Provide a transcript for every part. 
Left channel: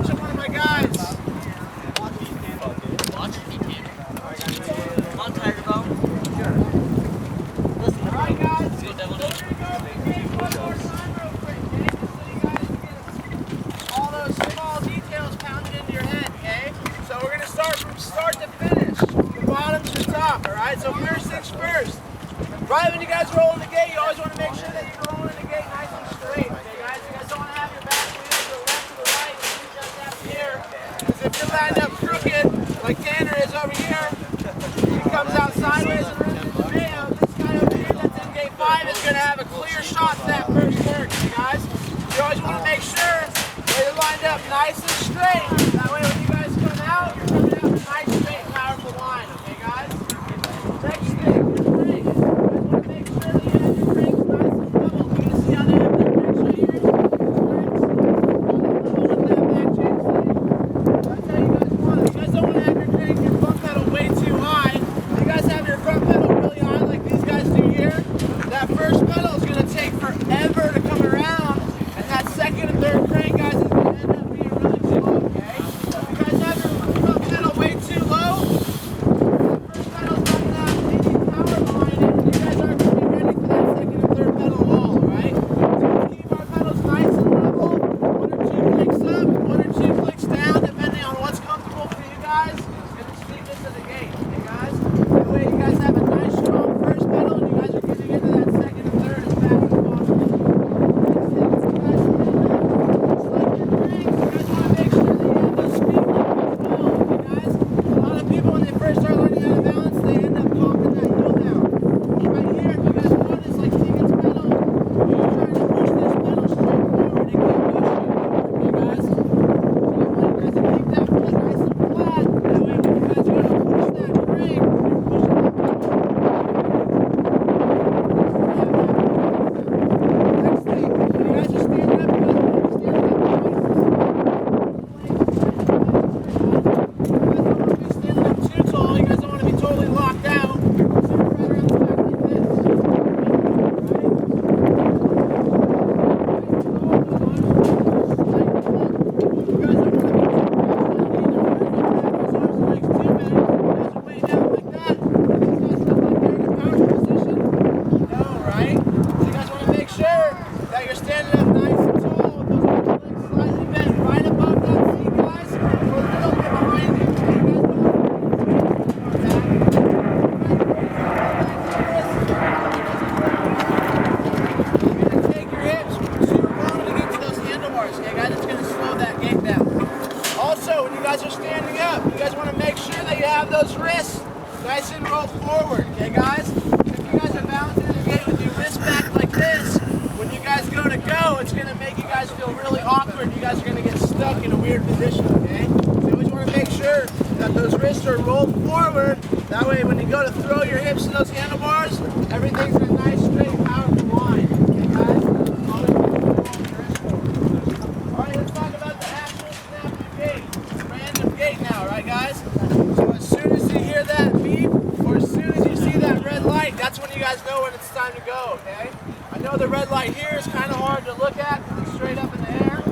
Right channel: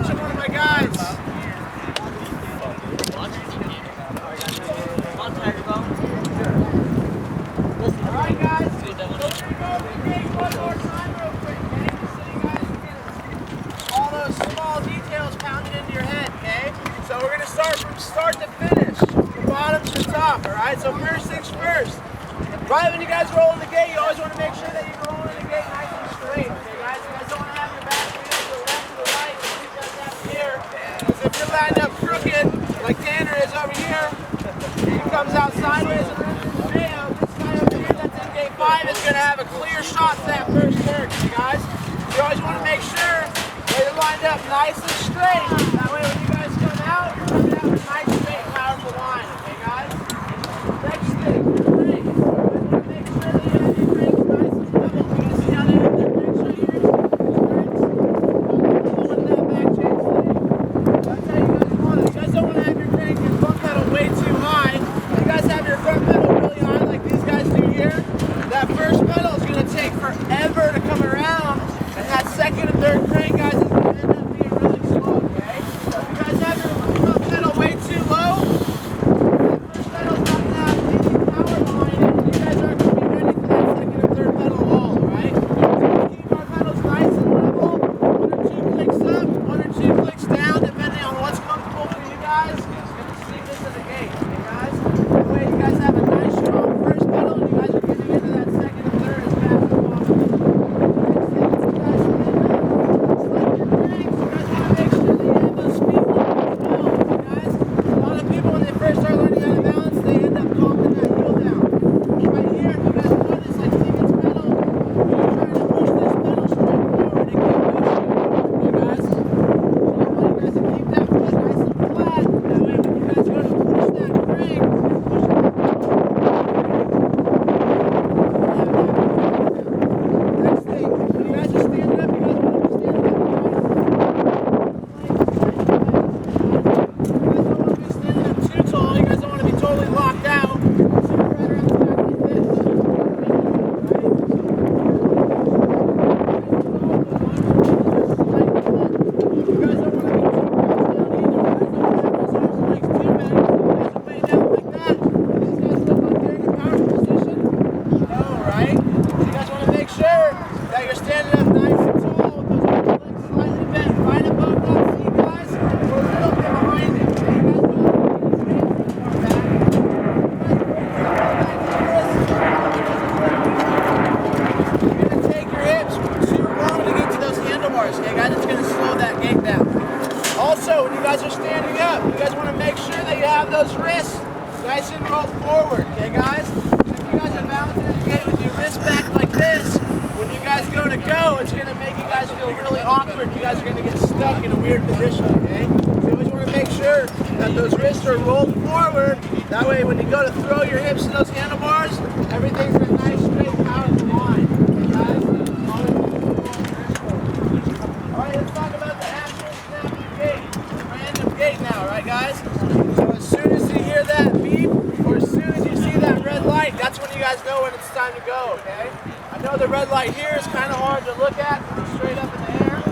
watching one of my guys. On Tiger Bone. Sure. Listen, all right, guys. See that one? We're going to go over the gate one more time real quick, okay? Just so you guys get all those small details pounded into your head, okay? So we're going to start from start to finish, from bottom to top, all right? So first things first. Right when you guys roll in the gate, you always want to make sure that you're rolling in the gate nice and straight, okay, guys? You guys don't want to have your back wheel to the left or the right, you guys have here. Because if you're lined up crooked, like Tanner is over here, he comes out sideways and runs into Mayo. This guy over here that's in gate 5 is going to have a clear shot to that first turn, okay, guys? You always want to make sure that you're lined up nice and straight. That way when you guys come out, you're coming out in a nice, straight, powerful line, okay, guys? Next thing, your crank. You guys want to make sure that you have your cranks nice and level. You guys see how they have their cranks right here? These cranks? How they level with that back chain stay? That's how you guys want it. You guys don't want to have your crank, your front pedal way too high. You guys have your front pedal really high like these guys do here. That first pedal is going to take forever to come around, and that second and third crank, guys, is going to end up being really slow, okay? So if you guys have your front pedal way too low, that first pedal's not going to have any power behind it, and you guys aren't going to be ready for that second and third pedal at all, alright? So let's keep our pedals nice and level, 1 or 2 clicks up, 1 or 2 clicks down, depending on what's comfortable for you guys. It's going to sneak into the gate, okay, guys? That way you guys have a nice, strong first pedal, and you guys are getting into that second and third as fast as possible. Next thing, as you guys stand up, just like your cranks, you guys want to make sure that you have those feet level as well, okay, guys? A lot of people, when they first start learning how to balance, they end up talking that heel down. Well, right here, if you guys notice, like Tegan's pedal, you're trying to push this pedal straight forward. It can't go straight forward, okay, guys? So I want you guys to keep that foot nice and flat. That way, when you guys go to push that crank, you're pushing that pedal. Next thing, when you guys are standing up, you guys want to be standing up nice and tall. You guys don't want to be standing up too tall. You guys don't want to be totally locked out. Sit right around the back like this. Right? You guys don't want to be too crouched down either. You guys don't want to have those arms and legs too bent, because if you guys are way down like that, and these guys look like they're in a powerful position. No, right? So you guys want to make sure that you're standing up nice and tall with those arms and legs slightly bent right above that seat, guys, or a little bit behind it. Okay? You guys don't want to be way too far back. You guys are way too far back like this. You're going to take your hips too long to get to those handlebars, okay, guys? It's going to slow that gait down. Also, when you guys are standing up, you guys want to make sure that you have those wrists nice and rolled forward, okay, guys? If you guys are balancing in the gate with your wrists back like this, when you guys go to go, it's going to make you guys feel really awkward. You guys are going to get stuck in a weird position, okay? So you always want to make sure that those wrists are rolled forward. That way, when you go to throw your hips in those handlebars, everything's in a nice, straight, powerful line, okay, guys? Always make sure you roll your wrists forward. All right, let's talk about the actual snap of the gate. The random gate now, right, guys? So as soon as you hear that beep, or as soon as you see that red light, that's when you guys know when it's time to go, okay? I know the red light here is kind of hard to look at because it's straight up in the air,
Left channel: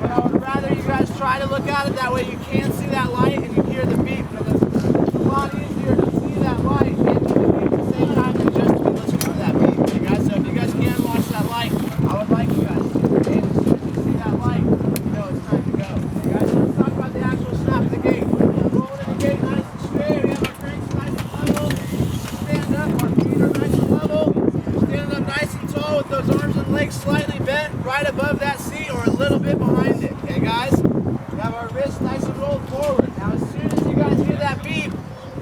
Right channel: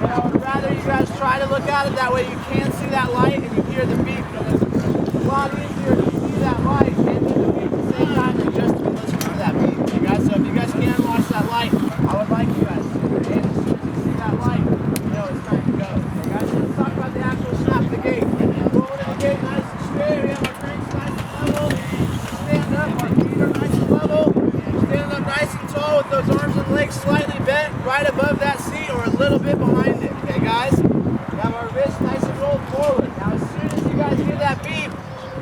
but I would rather you guys try to look at it. That way you can see that light and you hear the beep, because it's a lot easier to see that light and hear the beep at the same time than just to be listening to that beep, okay, guys? So if you guys can watch that light, I would like you guys to, okay? As soon as you see that light, you know it's time to go. Okay, guys, so let's talk about the actual snap of the gate. Rolling in the gate nice and straight. We have our cranks nice and level. Stand up, our feet are nice and level. Standing up nice and tall with those arms and legs slightly bent right above that seat or a little bit behind it. Okay, guys? We have our wrists nice and rolled forward. Now, as soon as you guys hear that beep,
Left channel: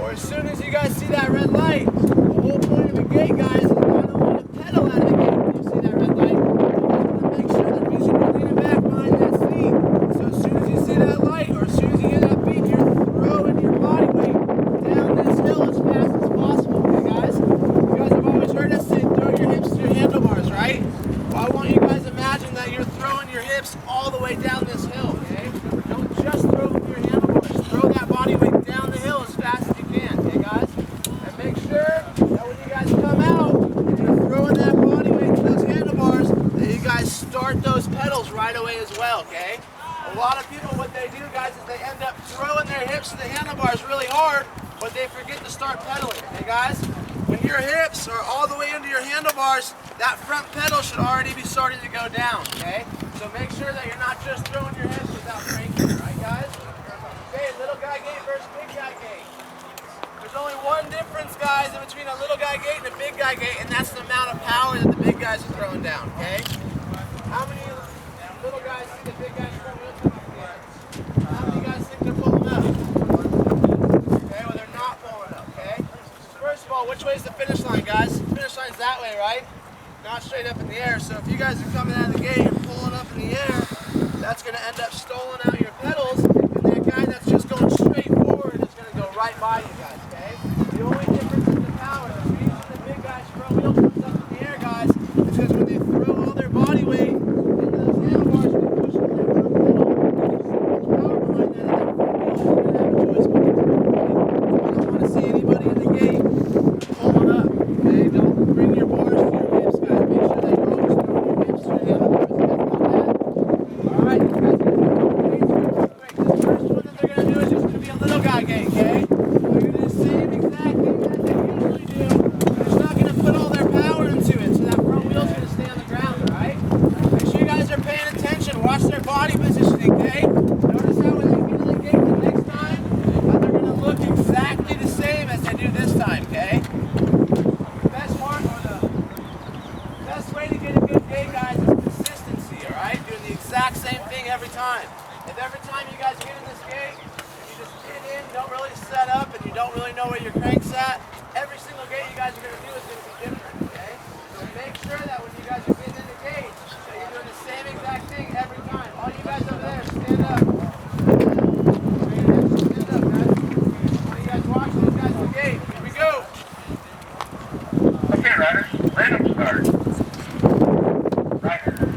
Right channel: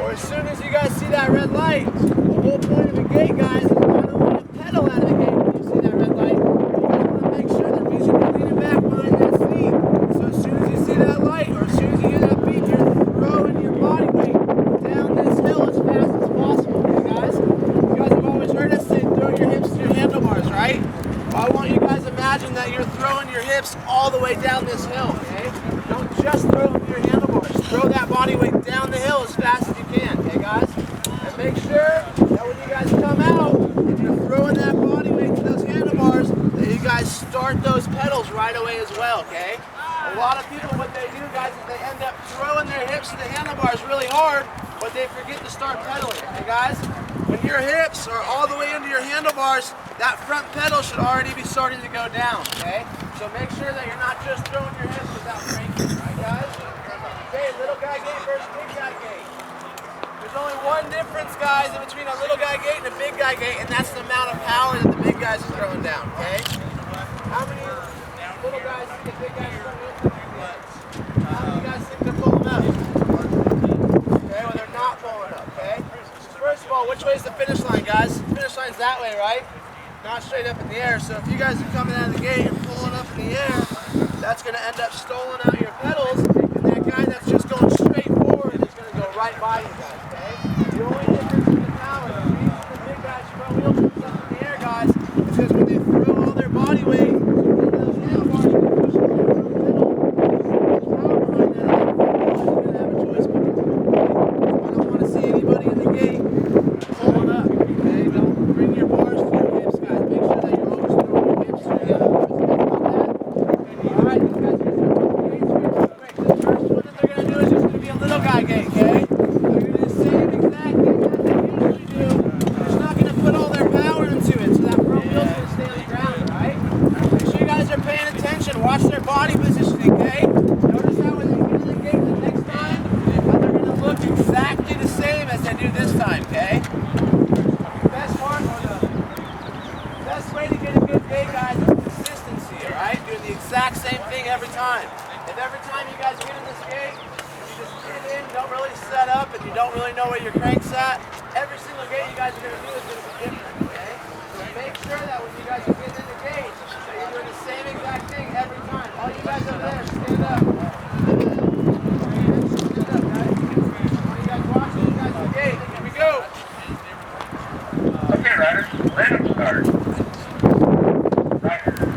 or as soon as you guys see that red light, the whole point of the gate, guys, is not only to pedal out of the gate when you see that red light, you guys want to make sure the reason you're leaning back behind that seat. So as soon as you see that light, or as soon as you hear that beep, you're throwing your body weight down this hill as fast as possible, okay, guys? You guys have always heard us say throw your hips to your handlebars, right? Well, I want you guys to imagine that you're throwing your hips all the way down this hill, okay? Don't just throw them to your handlebars. Throw that body weight down the hill as fast as you can, okay, guys? And make sure that when you guys come out and you're throwing that body weight to those handlebars, that you guys start those pedals right away as well, okay? A lot of people, what they do, guys, is they end up throwing their hips to the handlebars really hard, but they forget to start pedaling. Okay, guys? When your hips are all the way into your handlebars, that front pedal should already be starting to go down, okay? So make sure that you're not just throwing your hips without cranking, right, guys? Okay, little guy gait versus big guy gait. There's only one difference, guys, in between a little guy gait and a big guy gait, and that's the amount of power that the big guys are throwing down, okay? How many little guys think the big guys throwing up? How many guys think they're pulling up? Okay, well they're not pulling up, okay? First of all, which way is the finish line, guys? The finish line's that way, right? Not straight up in the air. So if you guys are coming out of the gate and pulling up in the air, that's going to end up stoling out your pedals, and that guy that's just going straight forward is going to go right by you guys, okay? The only difference is the power. The reason the big guy's front wheel comes up in the air, guys, is because when they throw all their body weight into those handlebars, they're pushing that front pedal. There's so much power behind that that front wheel isn't going to have a choice but to move, okay? So I don't want to see anybody in the gate pulling up, okay? Don't bring your bars to your hips, guys. Make sure that you're always throwing your hips to your handlebars. You guys got that? All right, these guys are going to do a couple gaits for you real quick. This first one that they're going to do is just going to be a little guy gait, okay? They're going to do the same exact thing that they usually do. They're just not going to put all their power into it, so that front wheel's going to stay on the ground, all right? Make sure you guys are paying attention. Watch their body positioning, okay? Notice how when they get in the gate the next time, how they're going to look exactly the same as they do this time, okay? Best way to get a good gait, guys, is consistency, all right? Doing the exact same thing every time. If every time you guys get in this gate, you just get in, don't really set up, and you don't really know where your crank's at, every single gate you guys are going to do is going to be different, okay? So make sure that when you guys are getting in the gate, that you're doing the same exact thing every time. All you guys over there, stand up. Stand up, guys. All you guys watching, you guys in the gate. Here we go. Okay, riders, random start. Rider.